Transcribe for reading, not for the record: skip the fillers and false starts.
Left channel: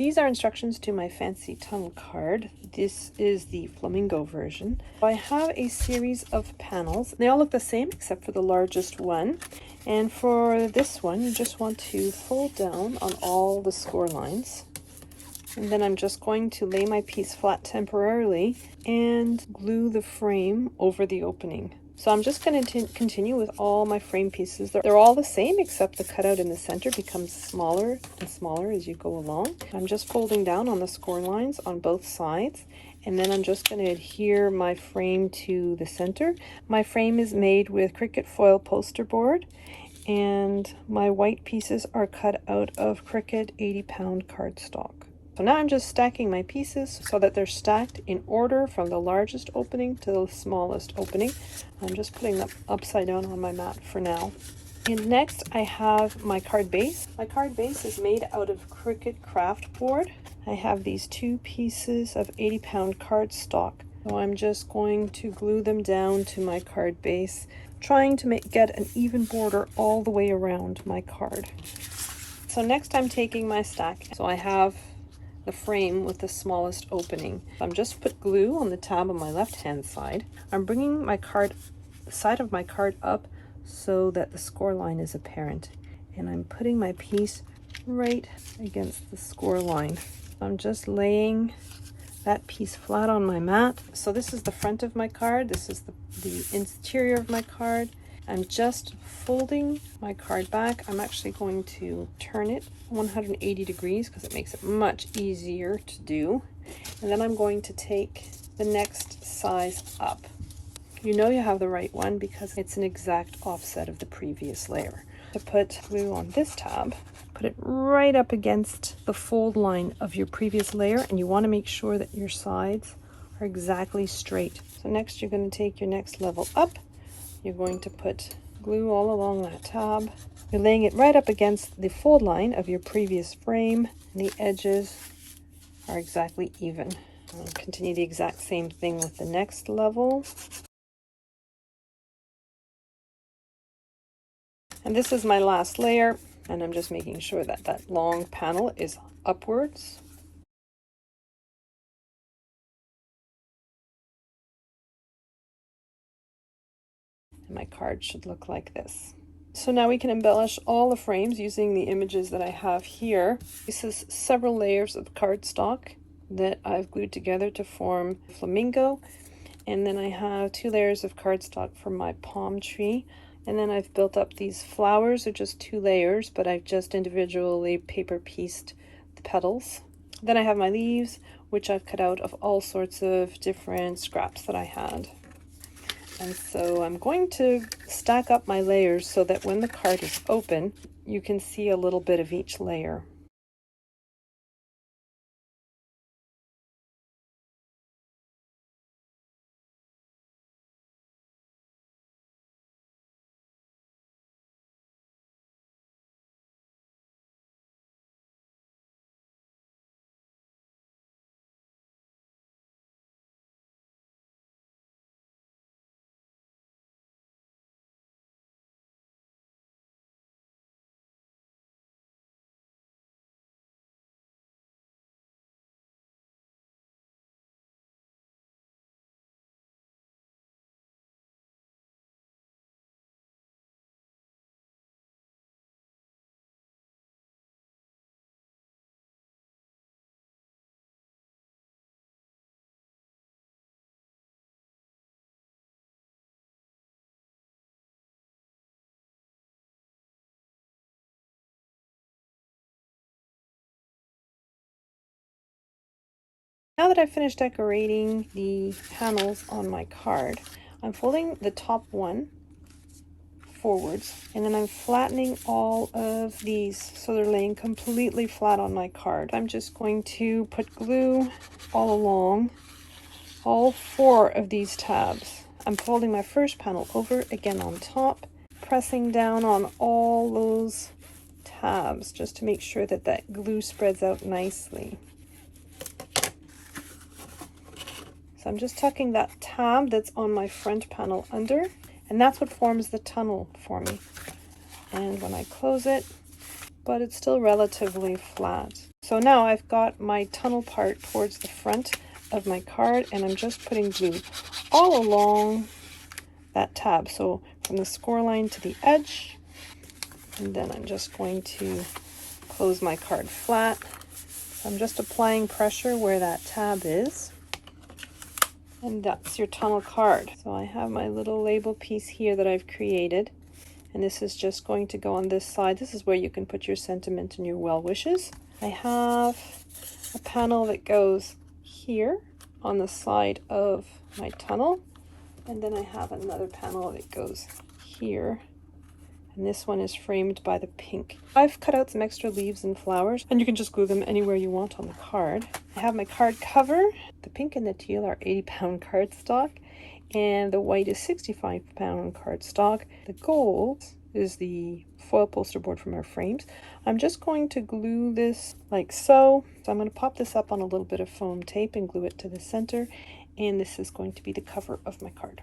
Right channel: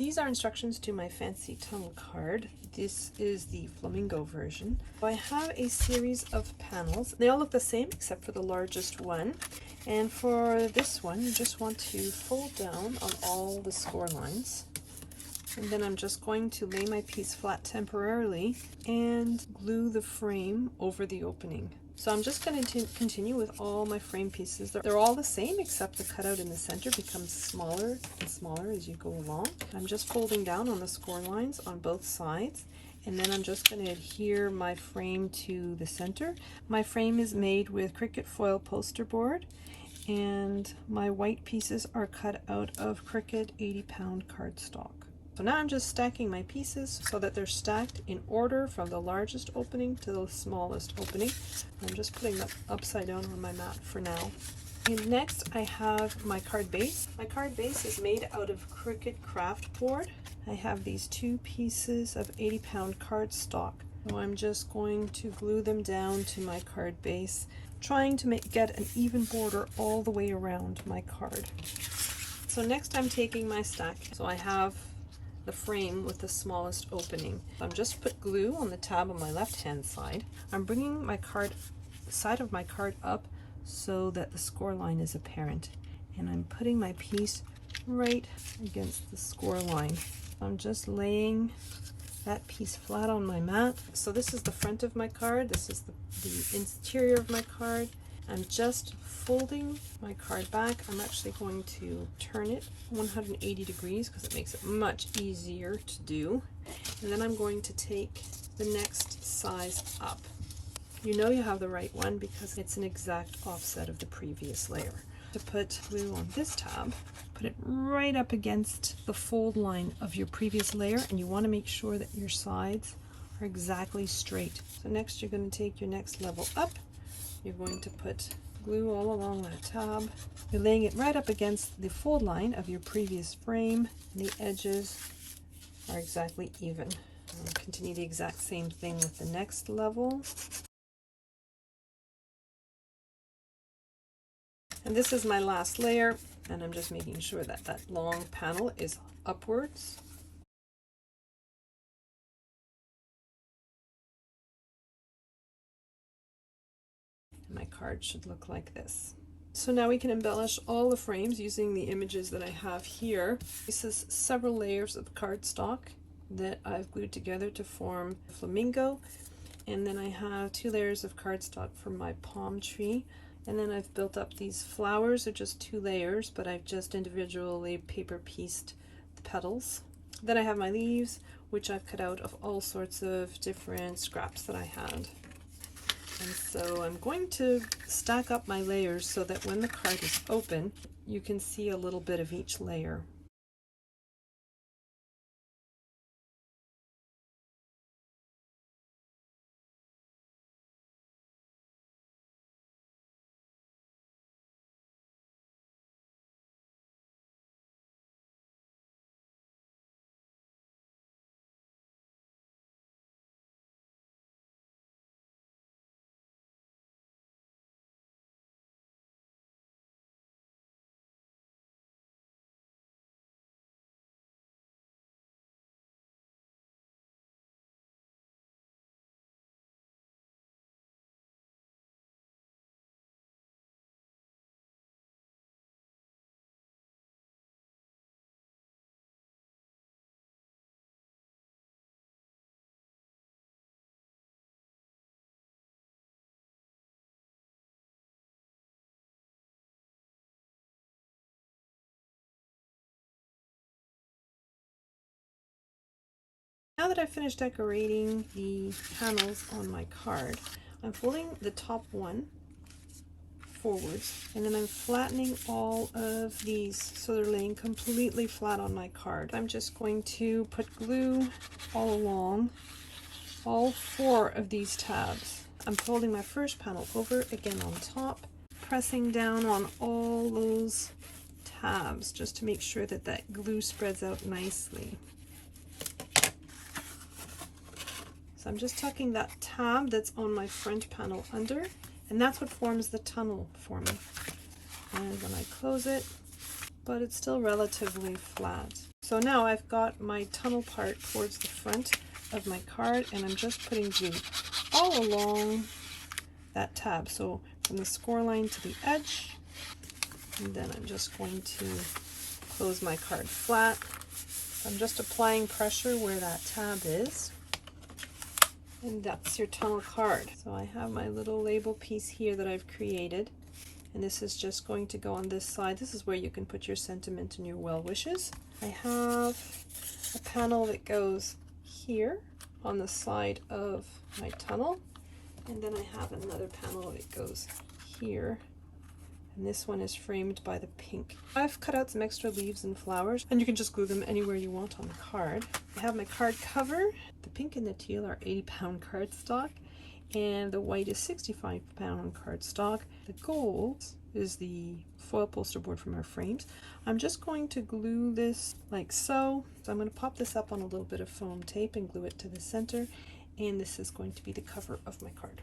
These are instructions to my fancy tunnel card. This is the Flamingo version. I have a series of panels. They all look the same except for the largest one. And for this one, you just want to fold down on all the score lines. And then I'm just going to lay my piece flat temporarily and glue the frame over the opening. So I'm just going to continue with all my frame pieces. They're all the same except the cutout in the center becomes smaller and smaller as you go along. I'm just folding down on the score lines on both sides, and then I'm just going to adhere my frame to the center. My frame is made with Cricut foil poster board, and my white pieces are cut out of Cricut 80-pound cardstock. So now I'm just stacking my pieces so that they're stacked in order from the largest opening to the smallest opening. I'm just putting them upside down on my mat for now. And next I have my card base. My card base is made out of Cricut craft board. I have these two pieces of 80-pound cardstock. So I'm just going to glue them down to my card base, trying to get an even border all the way around my card. So next I'm taking my stack. So I have the frame with the smallest opening. I'm just put glue on the tab on my left hand side. I'm bringing my side of my card up so that the score line is apparent, and I'm putting my piece right against the score line. I'm just laying that piece flat on my mat. So this is the front of my card, this is the interior of my card. I'm just folding my card back. I'm actually going to turn it 180 degrees because it makes it much easier to do. And then I'm going to take the next size up. You know you have the right one because it's an exact offset of the previous layer. To put glue on this tab, put it right up against the fold line of your previous layer, and you want to make sure that your sides are exactly straight. So next you're going to take your next level up. You're going to put glue all along that tab. You're laying it right up against the fold line of your previous frame, and the edges are exactly even. I'll continue the exact same thing with the next level. And this is my last layer, and I'm just making sure that that long panel is upwards. My card should look like this. So now we can embellish all the frames using the images that I have here. This is several layers of cardstock that I've glued together to form Flamingo. And then I have 2 layers of cardstock for my palm tree. And then I've built up these flowers, are just 2 layers, but I've just individually paper pieced the petals. Then I have my leaves, which I've cut out of all sorts of different scraps that I had. And so I'm going to stack up my layers so that when the card is open, you can see a little bit of each layer. Now that I've finished decorating the panels on my card, I'm folding the top one forwards, and then I'm flattening all of these so they're laying completely flat on my card. I'm just going to put glue all along all 4 of these tabs. I'm folding my first panel over again on top, pressing down on all those tabs just to make sure that that glue spreads out nicely. So I'm just tucking that tab that's on my front panel under, and that's what forms the tunnel for me. And when I close it, but it's still relatively flat. So now I've got my tunnel part towards the front of my card, and I'm just putting glue all along that tab. So from the score line to the edge, and then I'm just going to close my card flat. I'm just applying pressure where that tab is. And that's your tunnel card. So I have my little label piece here that I've created. And this is just going to go on this side. This is where you can put your sentiment and your well wishes. I have a panel that goes here on the side of my tunnel. And then I have another panel that goes here. And this one is framed by the pink. I've cut out some extra leaves and flowers, and you can just glue them anywhere you want on the card. I have my card cover. The pink and the teal are 80-pound cardstock, and the white is 65-pound cardstock. The gold is the foil poster board from our frames. I'm just going to glue this like so. So I'm going to pop this up on a little bit of foam tape and glue it to the center, and this is going to be the cover of my card.